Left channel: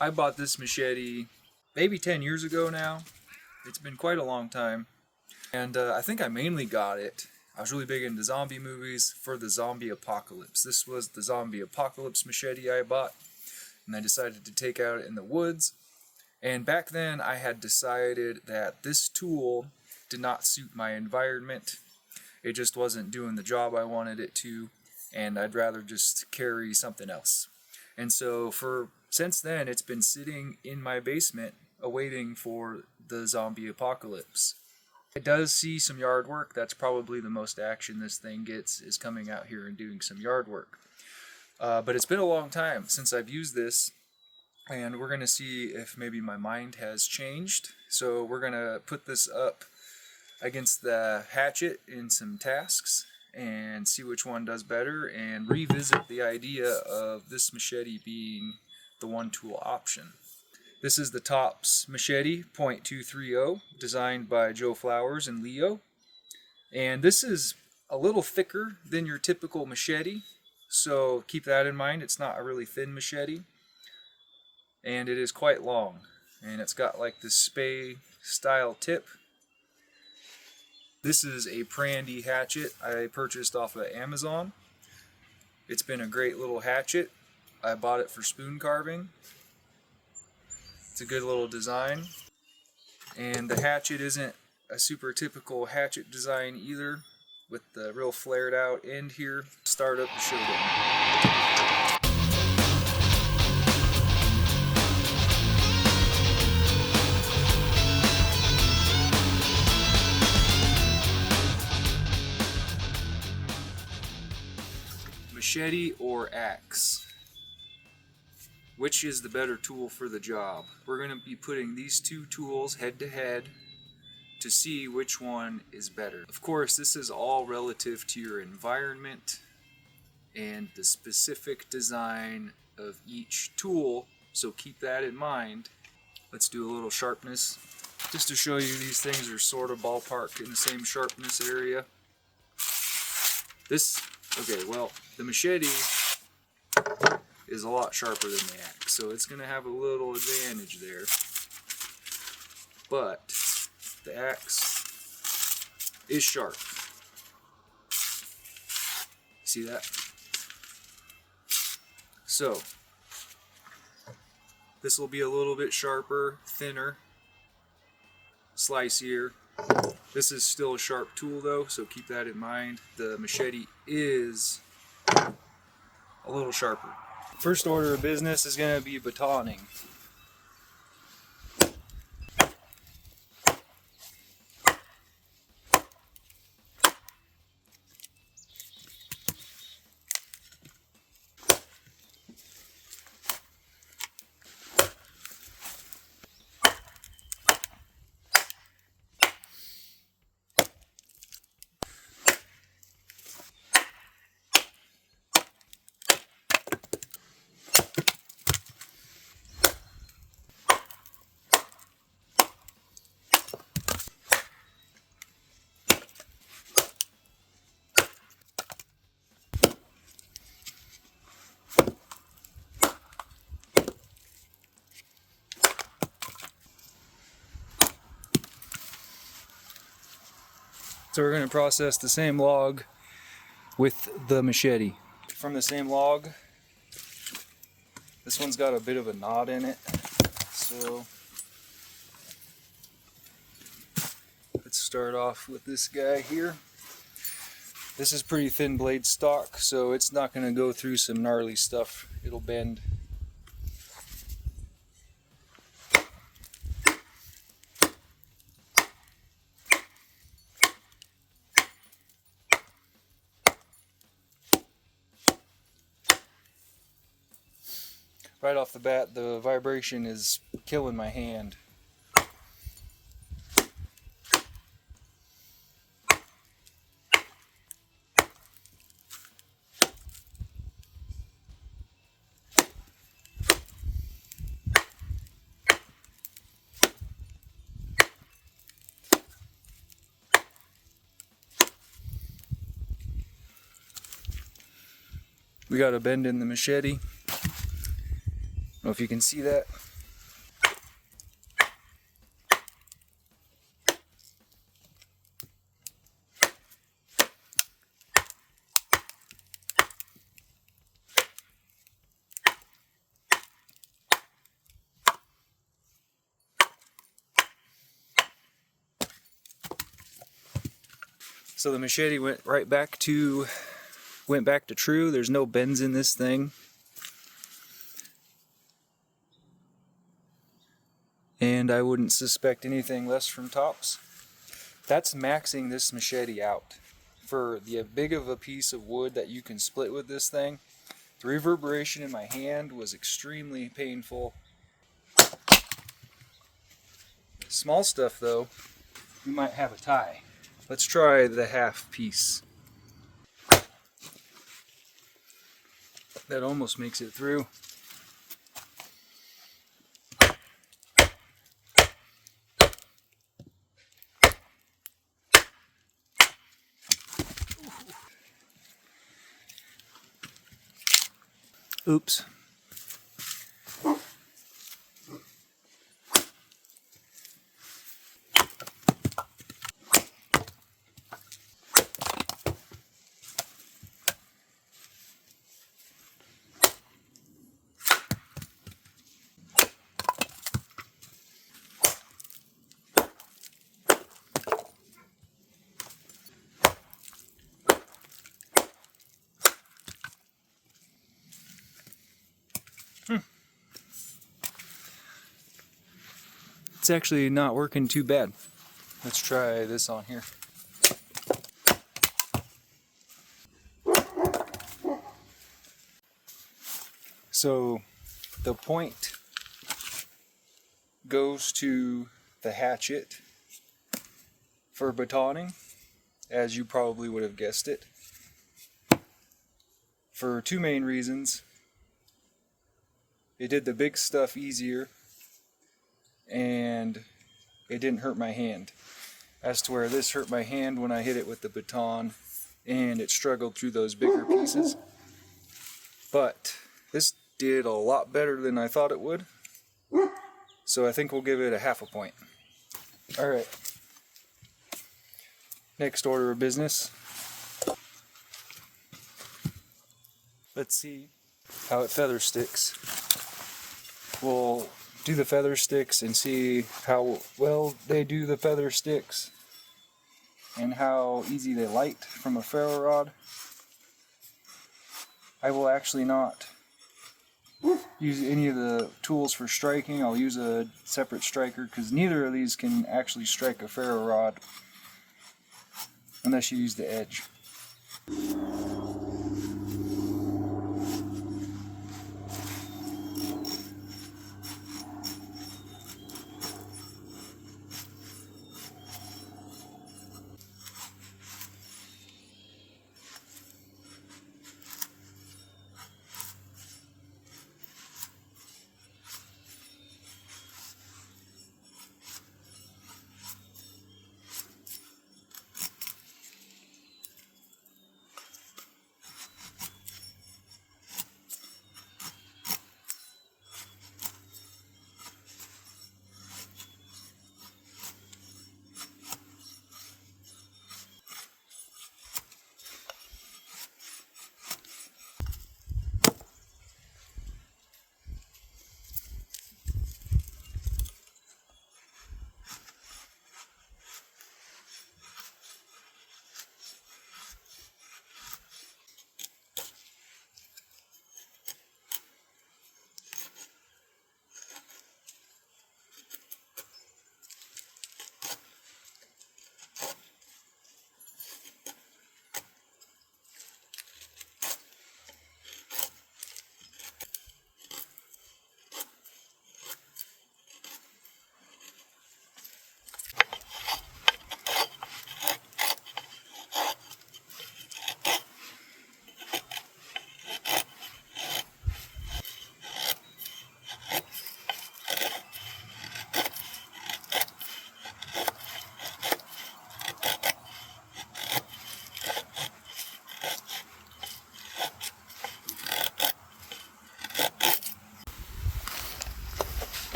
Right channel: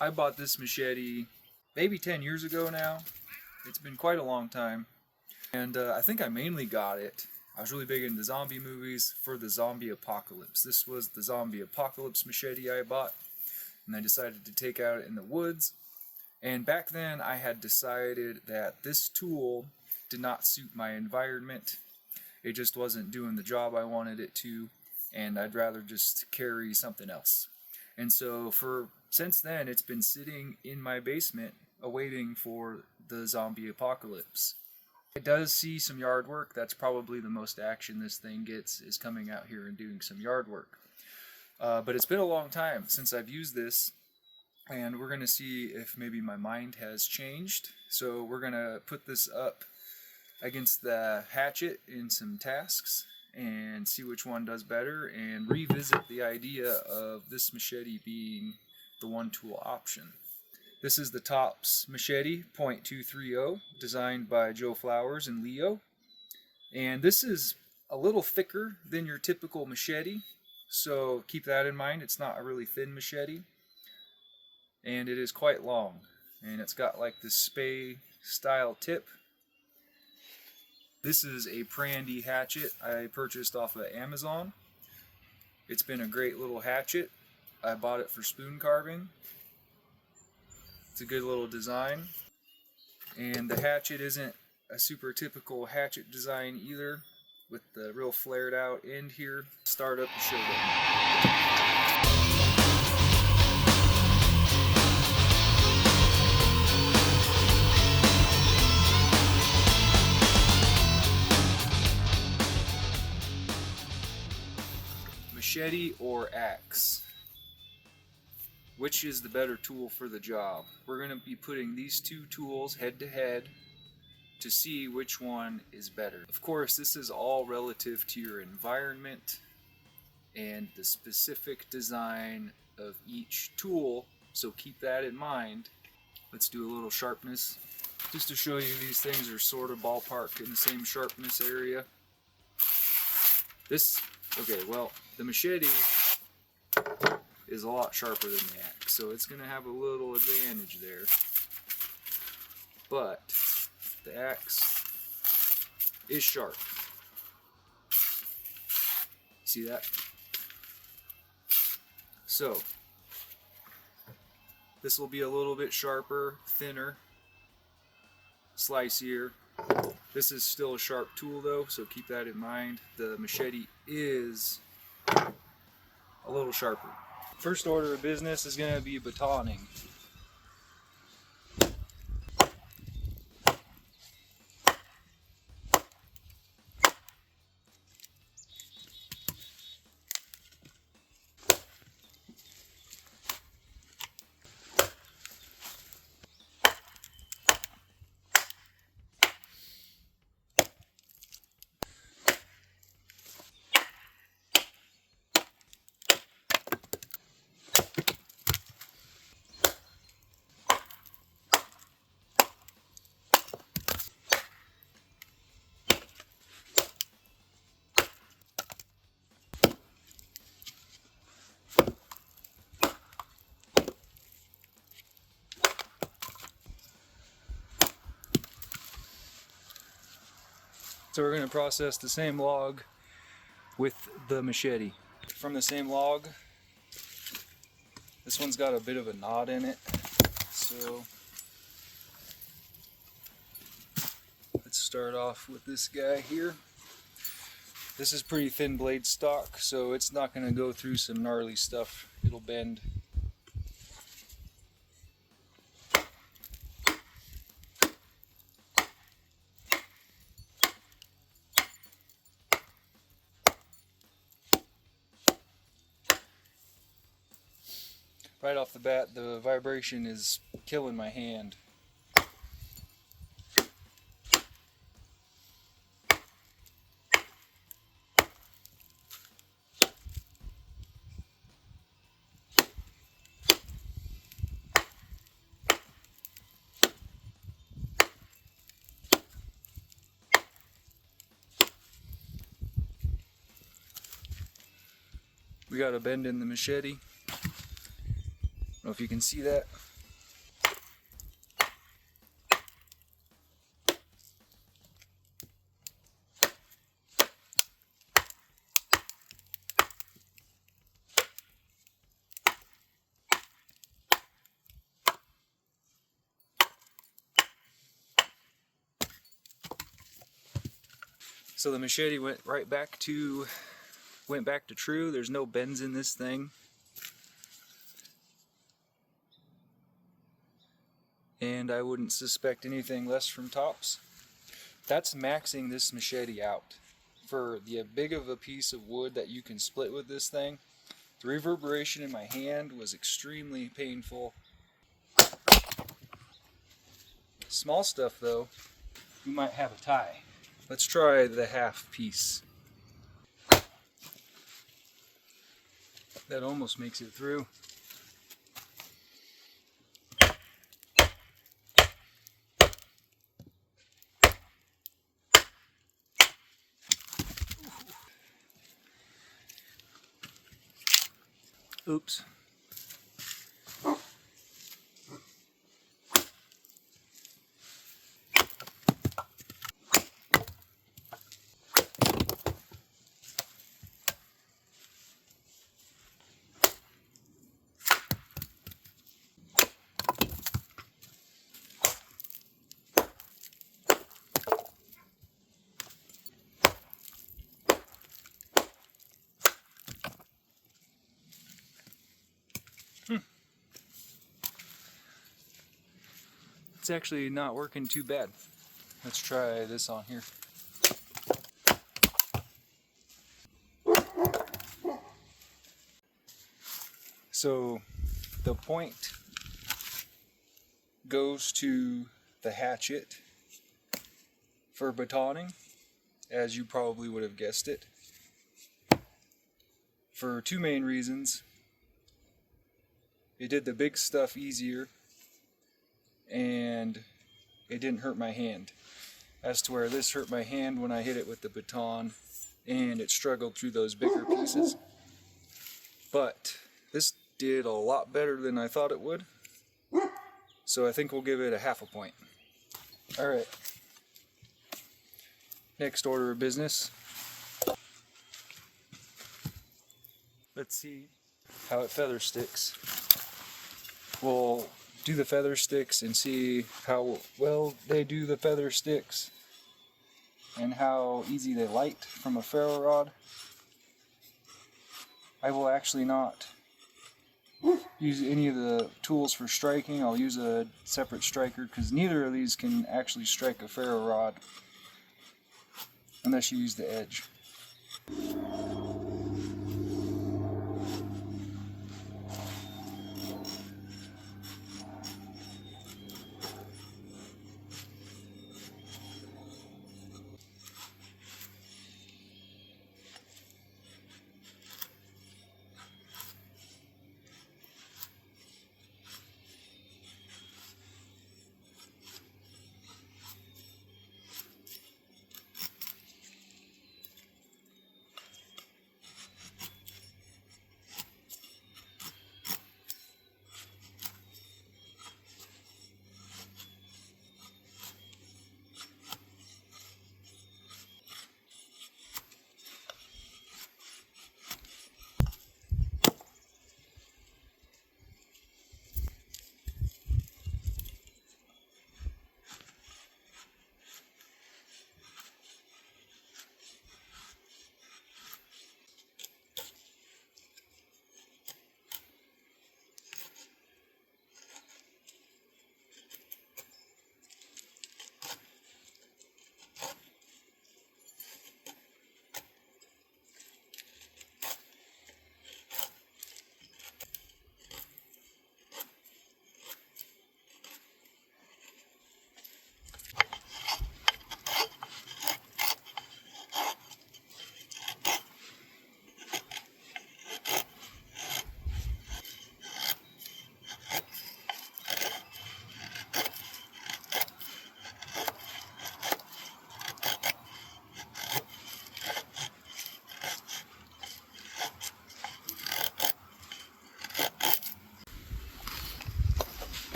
I bought this machete maybe 10 years ago now. It's been quite a long time. And I think I mainly got it. I was really big into zombie movies for the zombie apocalypse. This was the zombie apocalypse machete I bought. And I decided to take out in the woods. And back then I had decided that this tool did not suit my environment. It just wasn't doing the job I wanted it to. And I'd rather just carry something else. And so since then, it's been sitting in my basement awaiting for the zombie apocalypse. It does see some yard work. That's probably the most action this thing gets, is coming out here and doing some yard work. But it's been a long time since I've used this, and we're going to see if maybe my mind has changed. So we're going to put this up against the hatchet in some tasks and see which one does better, and revisit the idea of this machete being the one tool option. This is the Tops Machete .230, designed by Joe Flowers and Leo. And this is a little thicker than your typical machete, so keep that in mind. It's not a really thin machete. And it is quite long. And it's got like this spade style tip. This is a Prandi hatchet I purchased off of Amazon. It's been a great little hatchet. I bought it for spoon carving. It's a good little design. And the hatchet isn't a super typical hatchet design either, with the real flared out end here. Start up the showdown. Machete or axe? Which is the better tool for the job? We're going to be putting these two tools head to head to see which one is better. Of course, this is all relative to your environment and the specific design of each tool, so keep that in mind. Let's do a little sharpness, just to show you these things are sort of ballpark in the same sharpness area. The machete is a lot sharper than the axe, so it's going to have a little advantage there. But the axe is sharp. See that? So this will be a little bit sharper, thinner, slicier. This is still a sharp tool though, so keep that in mind. The machete is a little sharper. First order of business is going to be batoning. So we're going to process the same log with the machete. From the same log, this one's got a bit of a knot in it, so let's start off with this guy here. This is pretty thin blade stock, so it's not going to go through some gnarly stuff. It'll bend. Right off the bat, the vibration is killing my hand. We got a bend in the machete. know if you can see that. So the machete went back to true. There's no bends in this thing. And I wouldn't suspect anything less from tops. That's maxing this machete out. For the big of a piece of wood that you can split with this thing, the reverberation in my hand was extremely painful. Small stuff though, you might have a tie. Let's try the half piece. That almost makes it through. Oops. It's actually not working too bad. Let's try this on here. So the point goes to the hatchet for batoning, as you probably would have guessed it, for two main reasons. It did the big stuff easier, and it didn't hurt my hand. As to where this hurt my hand when I hit it with the baton, and it struggled through those bigger pieces. But this did a lot better than I thought it would, so I think we'll give it a half a point. Alright, next order of business. Let's see how it feather sticks. We'll do the feather sticks and see how well they do the feather sticks and how easy they light from a ferro rod. I will actually not use any of the tools for striking. I'll use a separate striker because neither of these can actually strike a ferro rod unless you use the edge.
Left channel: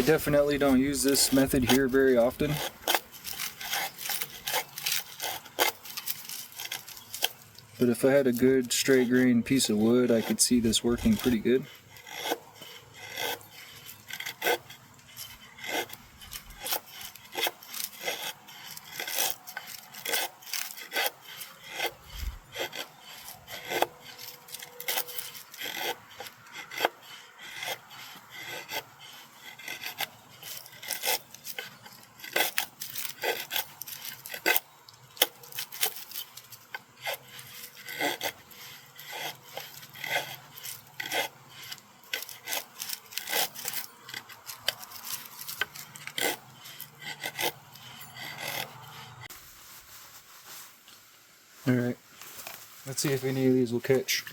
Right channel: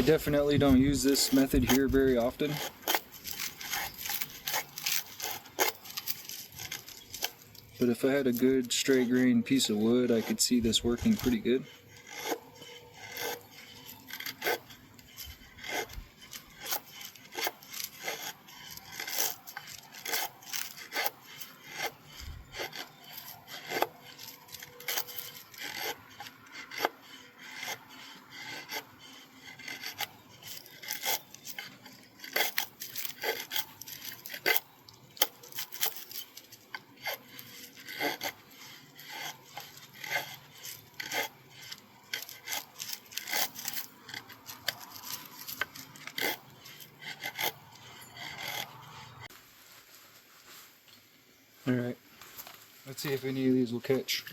I definitely don't use this method here very often. But if I had a good straight grain piece of wood, I could see this working pretty good. Alright, let's see if any of these will catch.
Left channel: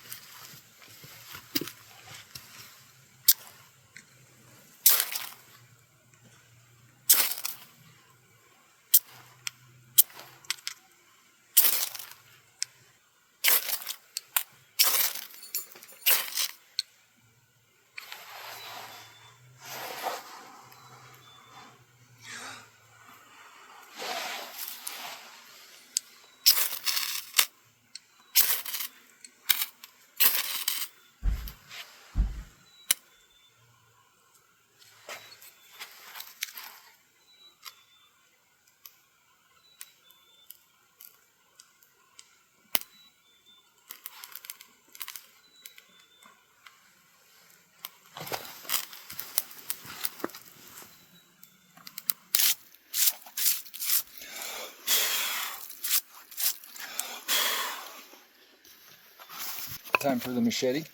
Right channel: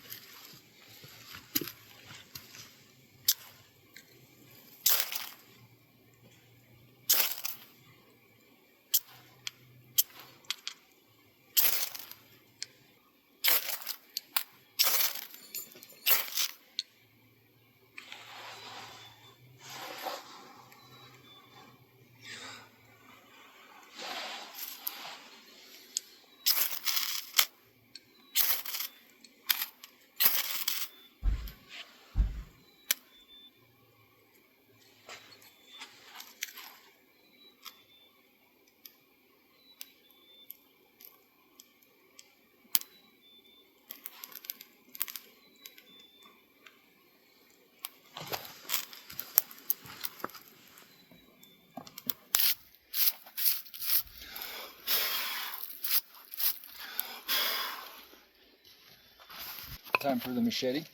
Time for the machete.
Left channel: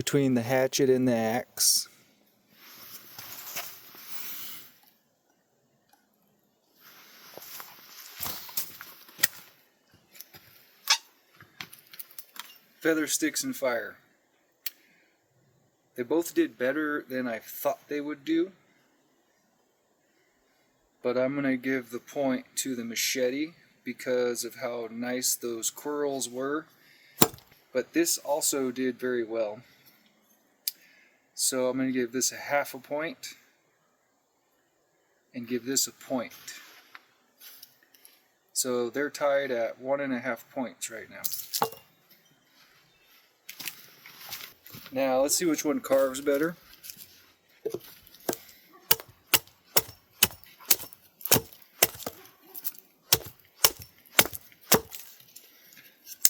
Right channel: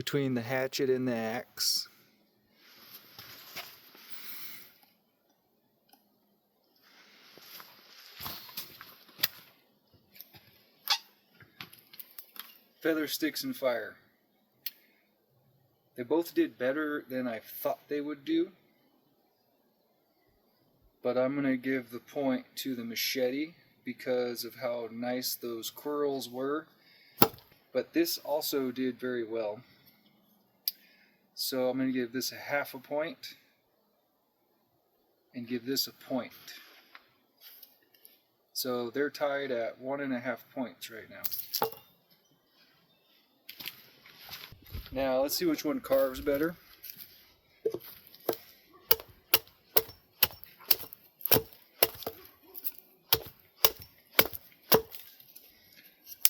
between the hatchet and the axe. Feather, sticks, and fire. They both did better than I thought they would do, but I'm going to give the point to the machete because of how nice those quirls were. But this also did very well. So I'm going to give this a half a point and give this a point. So they're tied at 1.5 points right now. Now let's see which one carves better.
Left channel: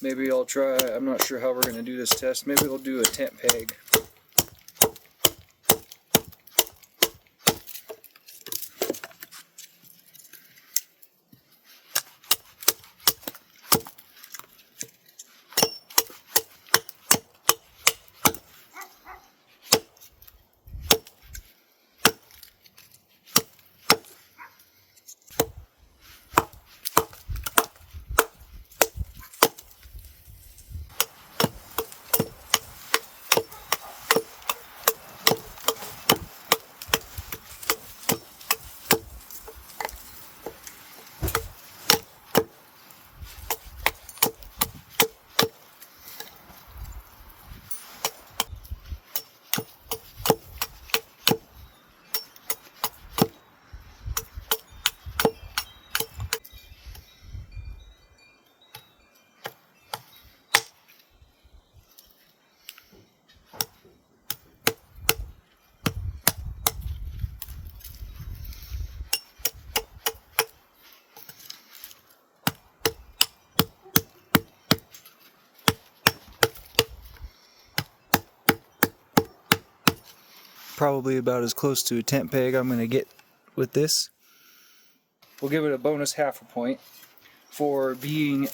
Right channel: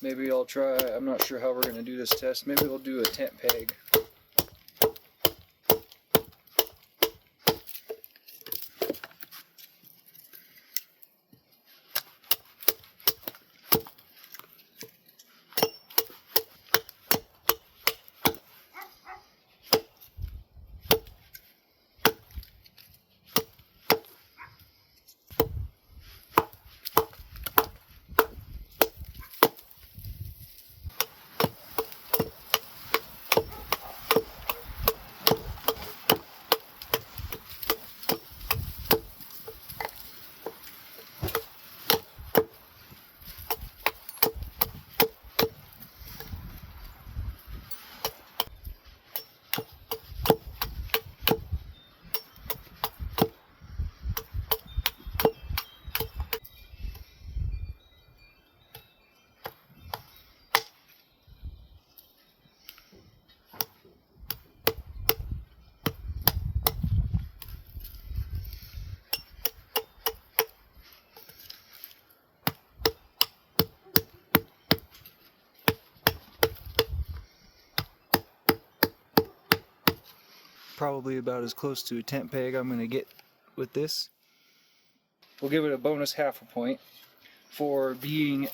Maybe I'll try, I'm not sure how we're going to do this test, maybe we'll do a tent peg. Probably about as close to a tent peg I'm going to get with this. We'll give it a bonus half a point for being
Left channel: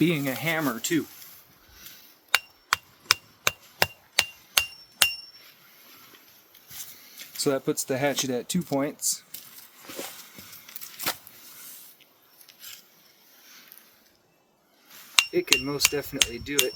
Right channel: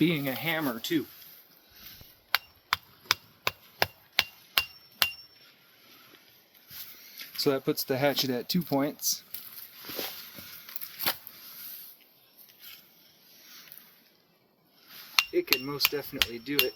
a hammer too. So that puts the hatchet at 2 points. It can most definitely do it.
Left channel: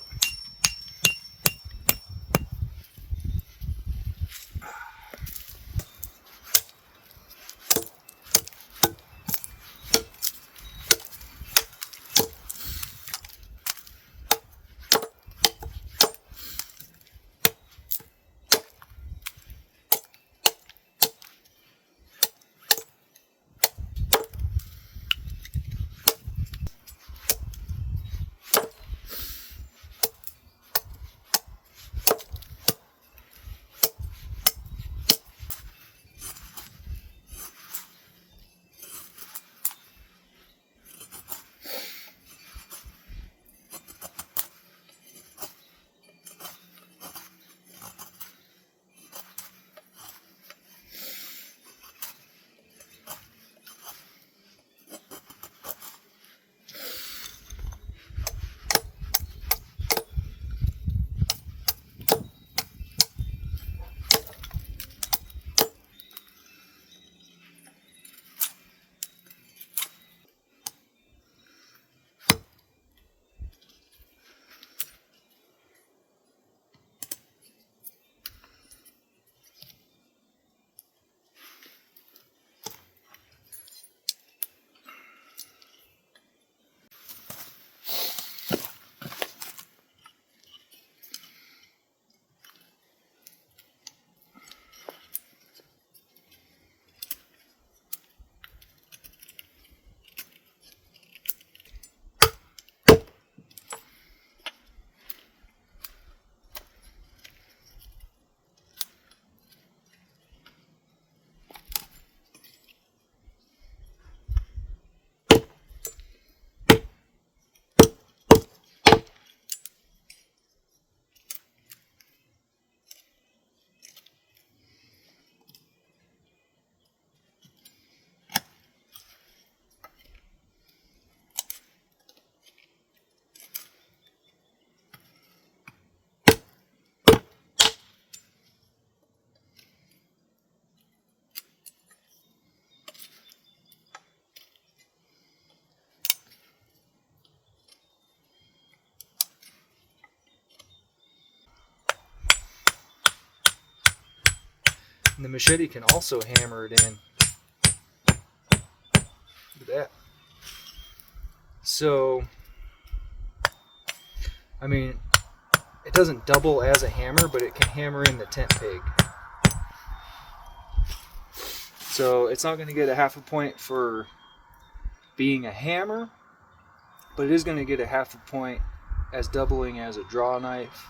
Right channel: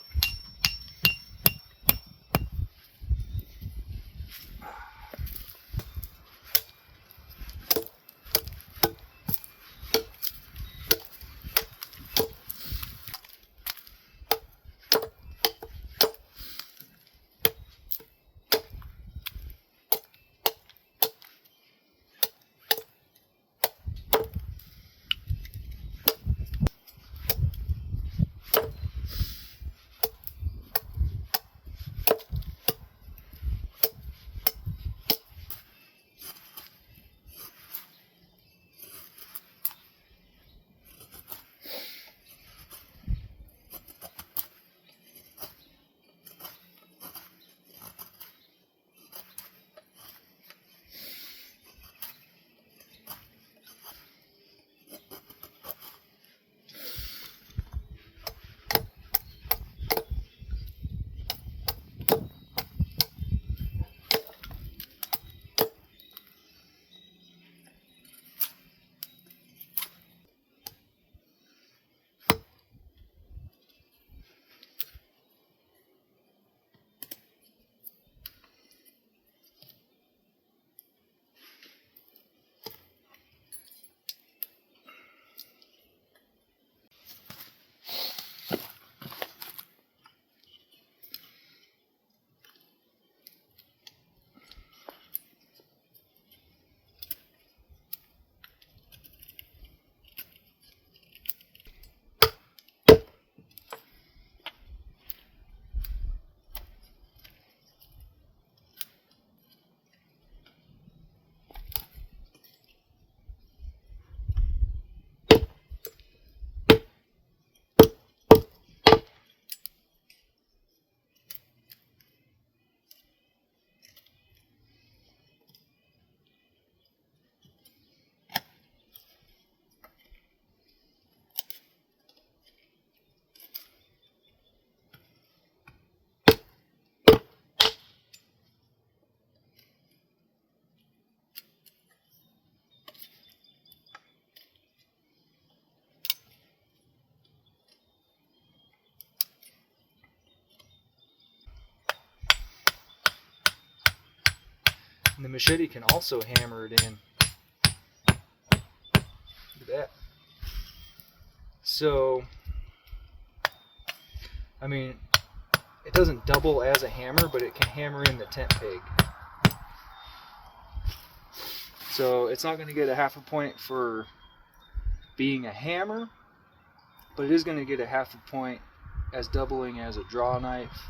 And the machete can also hammer it in. Look at that. So, I mean, it doesn't double as a hammer, but it can hammer in the tent peg. So it's not going to get a half a point for being a hammer, but it is going to get a half a point as doubling as a draw knife.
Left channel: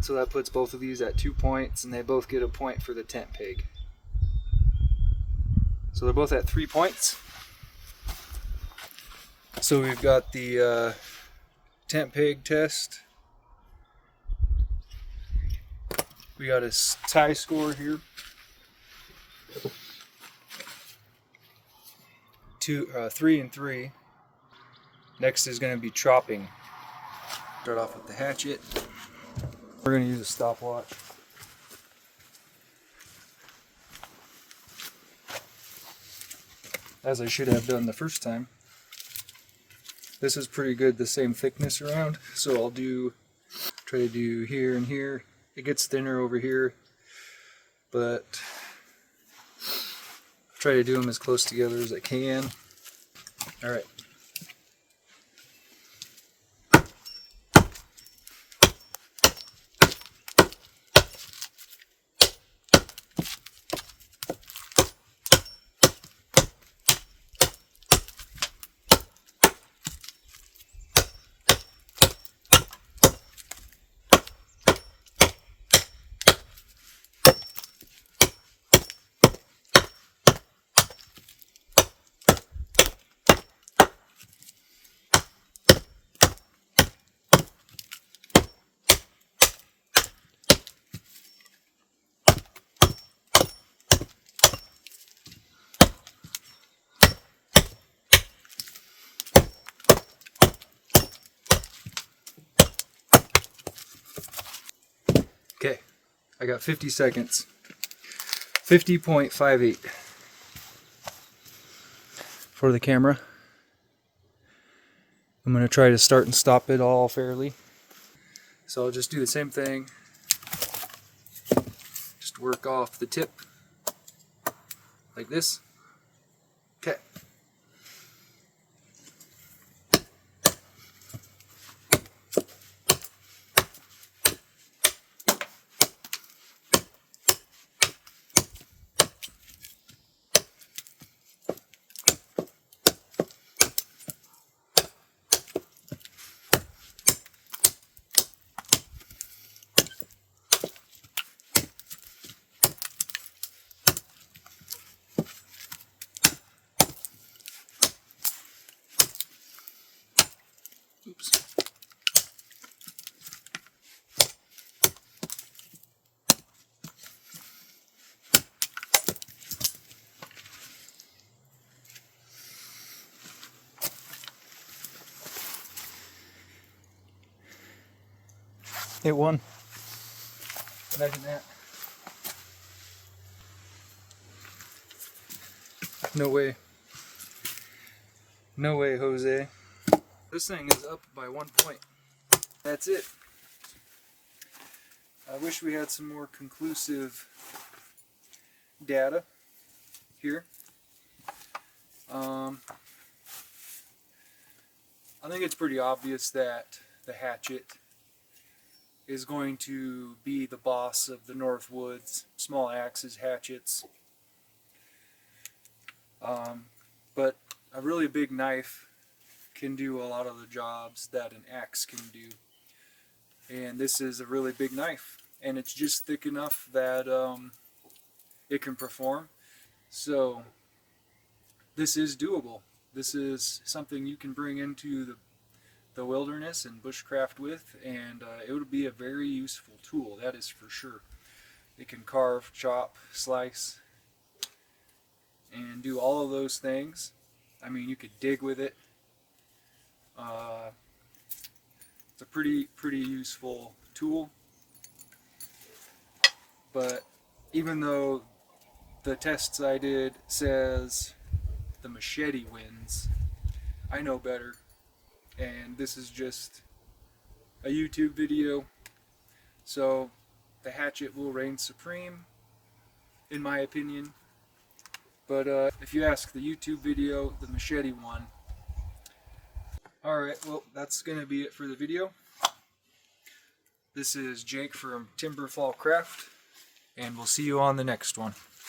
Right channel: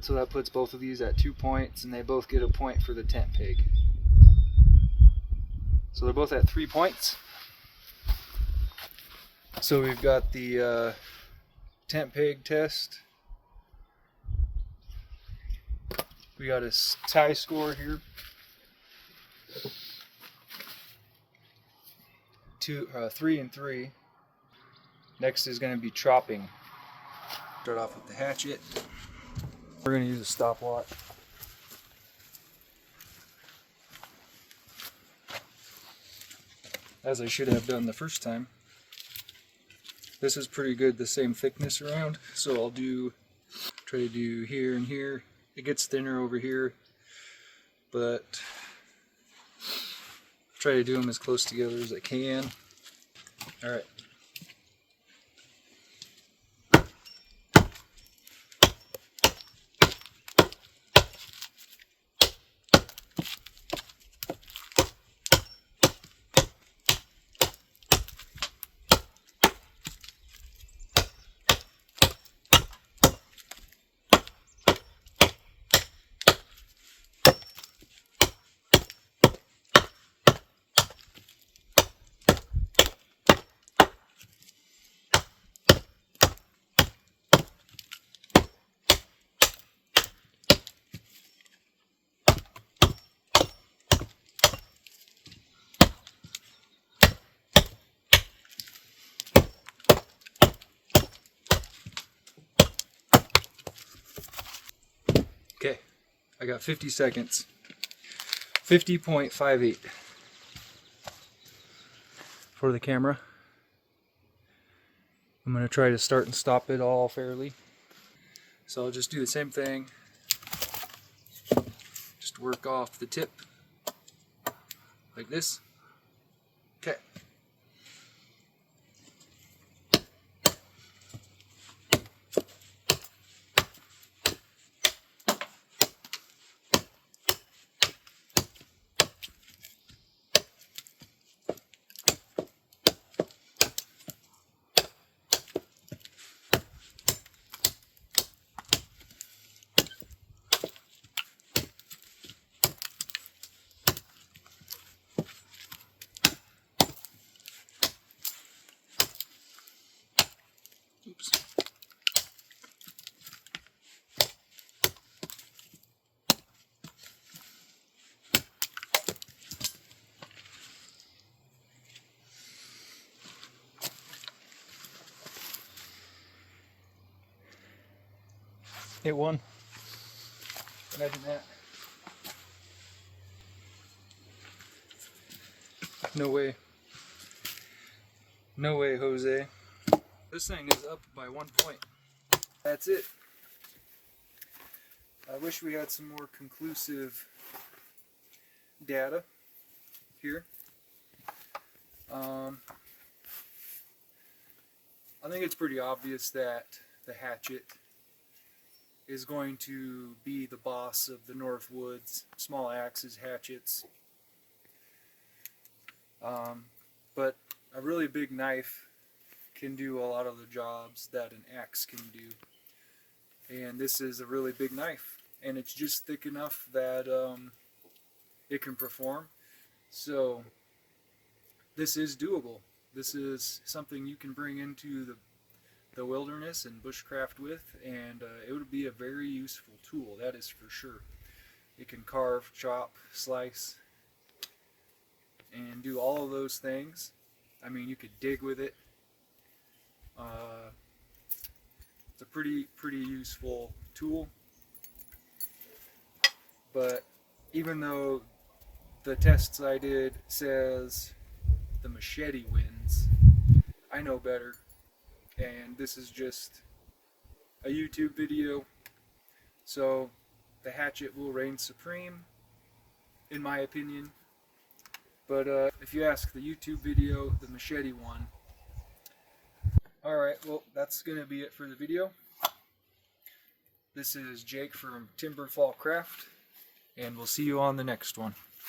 So that puts both of these at 2 points, and they both get a point for the tent peg. So they're both at 3 points. So we've got the tent peg test. We got a tie score here. 3 and 3. Next is going to be chopping. Start off with the hatchet. We're going to use a stopwatch. As I should have done the first time. This is pretty good, the same thickness around, so I'll try to do here and here. It gets thinner over here, but try to do them as close together as I can. All right. Okay, I got 50 seconds. 50.58 for the camera. I'm going to try to start and stop it all fairly. So I'll just do the same thing. Just work off the tip like this. Okay. Oops. Hit one. Imagine that. No way. No way, Jose. This thing is up by 1 point. That's it. I wish we had some more conclusive data here. I think it's pretty obvious that the hatchet is going to be the boss of the North Woods. Small axes, hatchets. But a really big knife can do a lot of the jobs that an axe can do. And this is a really big knife. And it's just thick enough that it can perform. So this is doable. This is something you can bring into the wilderness and bushcraft with, and it would be a very useful tool, that is for sure. It can carve, chop, slice, and do all of those things. I mean, you could dig with it. It's a pretty useful tool. But even though the tests I did says the machete wins, I know better. And this is just a YouTube video, so the hatchet will reign supreme. in my opinion. But if you ask the YouTube video, the Machete one. Alright, well, that's going to be it for the video. This is Jake from Timberfall Craft, and we'll see you on the next one.